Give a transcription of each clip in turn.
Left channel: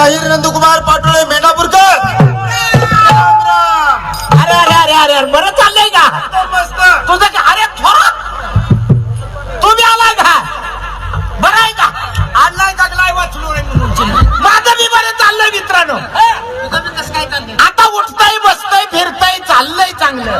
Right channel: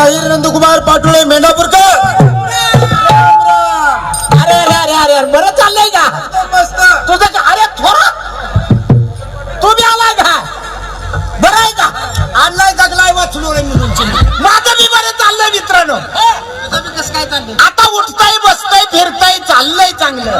शाहीर नंदकुमार पाटोळे मेंढापूरकर. अरे अरे अरे अरे अरे बरं चाललंय का? तुझं का अरे थोडा तुम्ही आलाय का? बरं आहे का? आणलाय दगलाय वाचलो रे म्हणून माझं मी बरं चाललंय मित्रांनो. आता उठताय बसताय फिरताय चाललंय चांगलं.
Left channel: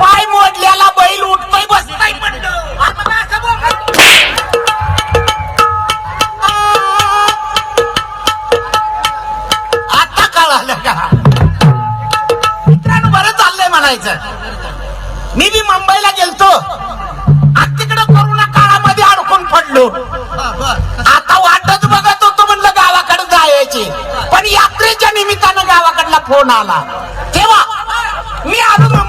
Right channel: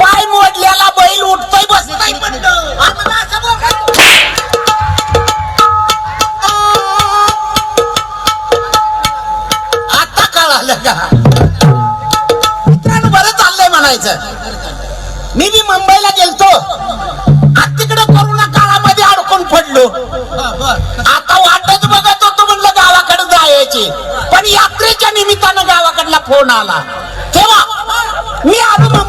पाय मोडल्याला बैल उठतोय बसतोय म्हणलं आम्हाला असं बोलायचं. आता कळालं का? मित्रांनो बरं चाललंय म्हणायचं. मी बी मुंबईला गेलतो. आज तिकडे करोना काळामध्ये अडकून पडलो. आता वाटच बघत होतो म्हणलं गावाकडे जायची. पण यात्रेच्या निमित्तानं गावाकडला फोन आला. तेव्हा मी आलो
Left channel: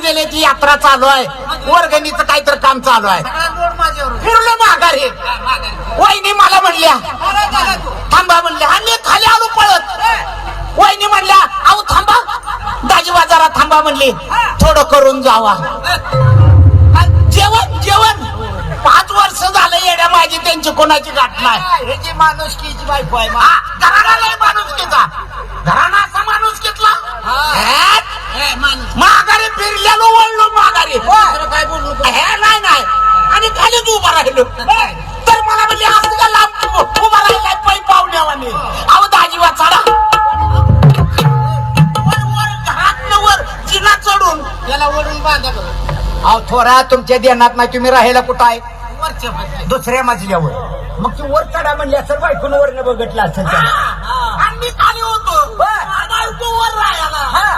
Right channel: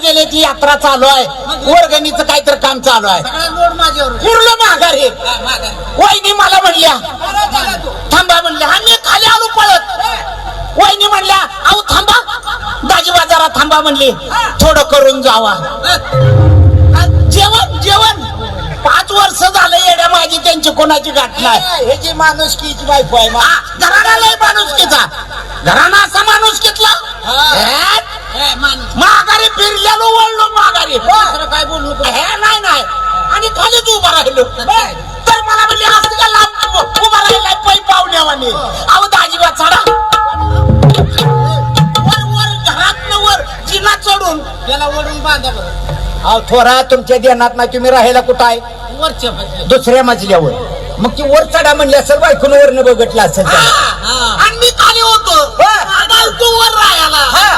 ऑफिसकडे गेले ती यात्रा चालू आहे. वर्गणीचं काहीतरी काम चालू आहे. फिरलो माघारी वहिनी मला म्हणल्या थांबा म्हणल्या आम्ही खाली आलो पळत. वहिनी म्हणल्या अहो थांबा. दाजी बाजारात थांबा म्हणली थोडं करून जावा. जेवण जेवण. पाच वर्ष झालं येड्या माझी त्यांची कोणाची गाठ नाही ह्याची माणुसकीची बायको आहे घराला लय माणुसकीचा. घराना असा माणूस घेतला माघारी फिरलेलो वळलो माघारी. काय बोलू हे नाही नाही. आणि खालीच उभा राहिलो. तर मला म्हणले असं का लांब उभा राहिलाय पै पाहुण्यावाने. अहो दाजी वाचाडा वर वर घरातलं वर जिना चढून. त्याला बांधा. अहो थोरा तुमच्या ध्यानात नाही तुम्ही राहायला कुठं आहे? वरच्या. दुसऱ्या मजल्यावर. मग ती वर चढा म्हणली असेल बायकून वरनं बघितलं असेल. आणि मी खाली होतो. तू वर राहायला.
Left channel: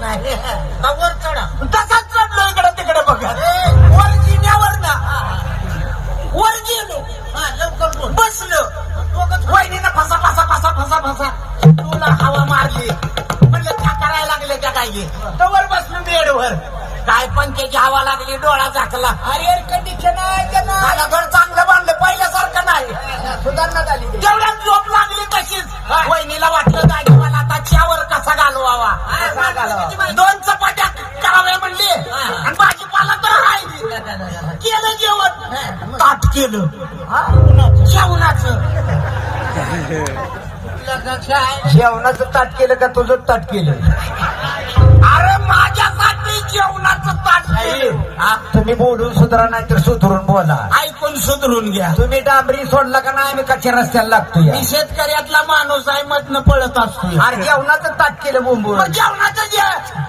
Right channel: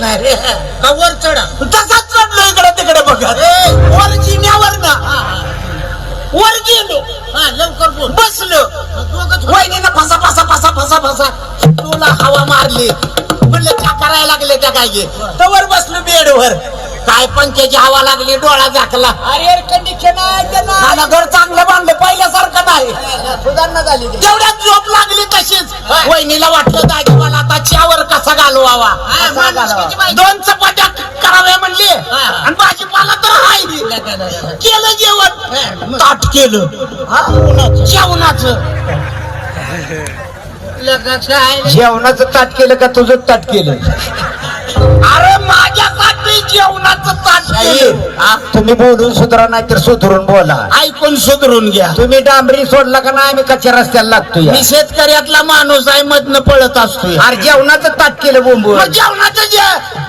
नाही रे. का वर चढा. तसाच चढलो इकडे तिकडे बघत वर जिन्यावर ना. वर गेलो हा लवकर बोल. बसलो. दोघंच वहिनीनं फसा फसा फसा फसा फसा. तुला हवा मारली. म्हणलं त्या करायला लागले त्या काय तवर बसलो बेडवर काय पंख्याची हवा लागली डोळा झाकला. अरे एअर कंडिशन आहे त्याला मला घर चांगलं बांधलं पहिल्यासारखं नाही. सुधारणा झाली ती. तेवढ्यात झोप लागली तशीच. वहिनीला वाटलं दाजी मला आता चहावर कसा घालवावा? हा, माणुसकीची. दोन चपात्या कराव्या म्हणले. आणि भाजीपाला तर राहिली. केलं जेवण. ताट केलं. जेवणाचं. लग्नाचं आहे. जेवणाचं ताट केलं का तुझं ताट केलं? तुम्ही बोलून सुधरा नाही तर सुधरून बोला. ऐकून सुधरून घ्या. तुम्ही डांबरी सोडला का नाही आम्ही कच्च्या रस्त्याला लागतो मी शेतकऱ्यातला माणूस आहे मधनं पळत असतो अरे जेवणाचं ताट केलं बोंबू जेवणाचं जे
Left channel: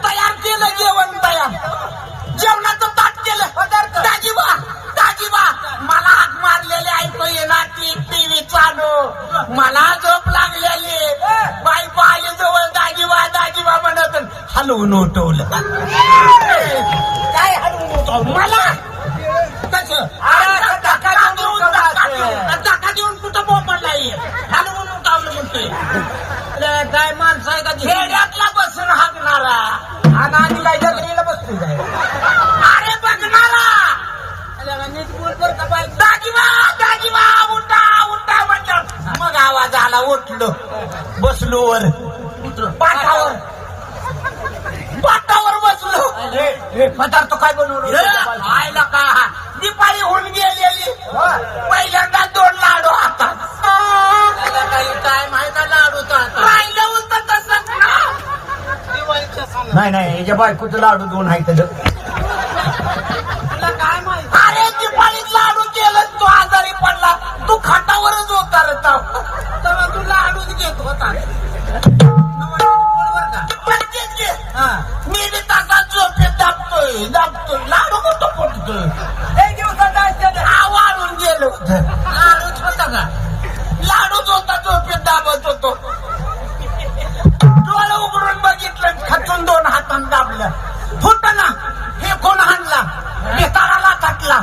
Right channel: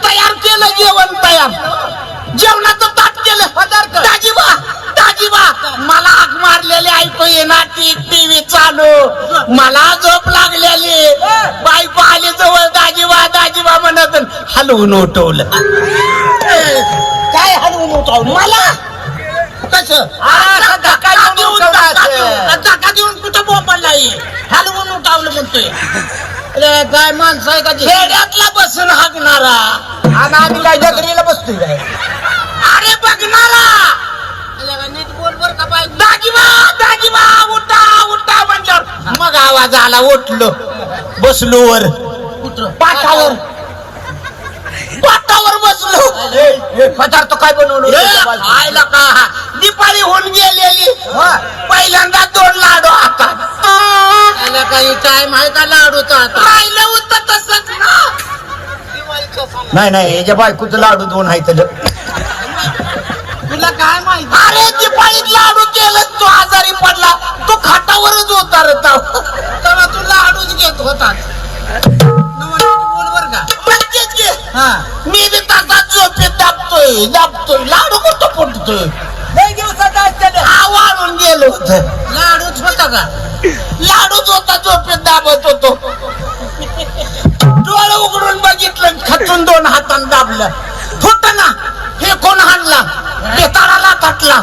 तयार केलं जेवण तयार. जेवणाचं ताट केलं. पदार्थ. दाजीबा दाजीबा मला आग मारलेले ऐकू येणार टी टीव्ही चालू. मला झोप लागलेली. बायको आली जवळ दाजीबा दाजीबा म्हणत हलवून उठवलं. उठवलं मला? कसं? धक्का देऊन कुठं बोंबला हलवून उठावलं म्हणतोय. काय माणसं आहे का? खेड्यातला बसून हाकणारा. आणि आम्ही काय जगरीला बसतोय. काय अरे बघणारा नीट बोल बर का बाई. दाजीबा दाजीबा उठा उठा म्हणलं. मग आवाज आला उठलो. बसलो वर. पाठावर. पदार्थ काय बनवलं आयला का? दिपाळी होऊन गेलेली. पहिल्यांदा दोन लाडू आता. त्याला काही टाइम आहे का लाडूचा आता? राहिलं होतं तसंच ना. नाही नाही याच्या बायकोचं लाडू दोन आहे तर तुला काय माहिती? अरे दिपाळीत लाडू केलं तू आजारी पडला. तू खाटावरच होता रे होत लय होत. लाडूच होता का? लाडूच होता झोपेत दाबत होतो. डोळ उघडून बघितलं खचून दोन हातान दाबलं. फुटना हे कोण हाणला? बेताळाला ताटला.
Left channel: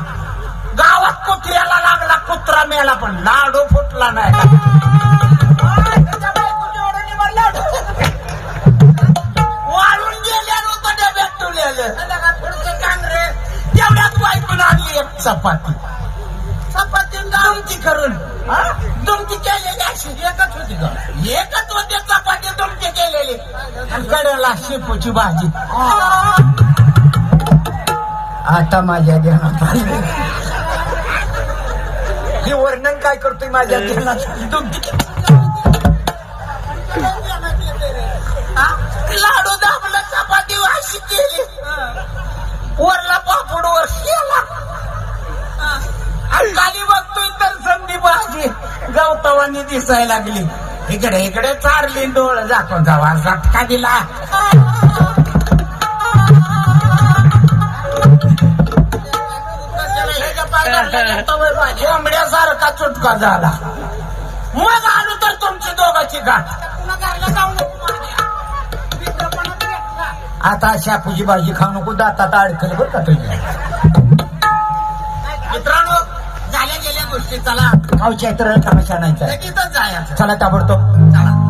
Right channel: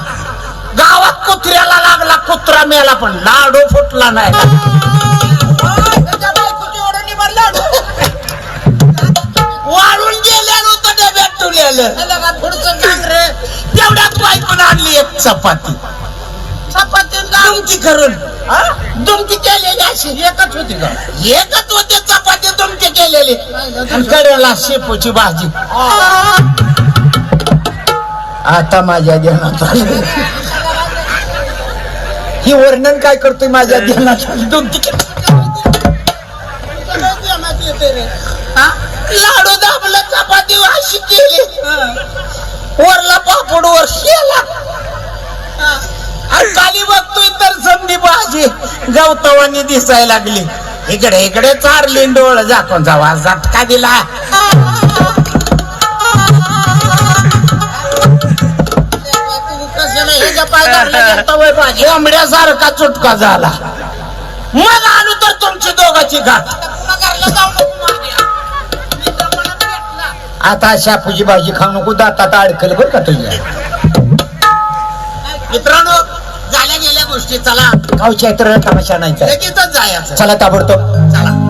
गावात कुत्र्याला लागला कुत्रा मेला पण लाडू फुटला नाही. वाळून गेल्यानं डब्यात तुला होती दुमती करून केलेली अशी एकच होती का? एकच होते चपाती दुमती केलेली. कडवला शेपूची भाजी. आता माझ्या ध्यानात हे वर्णन काय करतोय माझ्या ध्यानात लाडू दाबला चपाती अशी केली. वरला पापड वर शेला. आणि भाजी गवतवानी दिसायला लागली. इकडे इकडे चारली डोळ झाकून जावा झटका दिला. कोंबड्यासारखा चुटका झाला. मला आलो तर तुमची दोघाची गाठ आता शापूची भाजी खाऊ नको दातात अडकल बरं का तुझ्या. मित्रांनो झाल्या गेल्या गोष्टी. चला. गावच्या इतर तमाशा नाही जायचं. चला ताबडतोब. चला.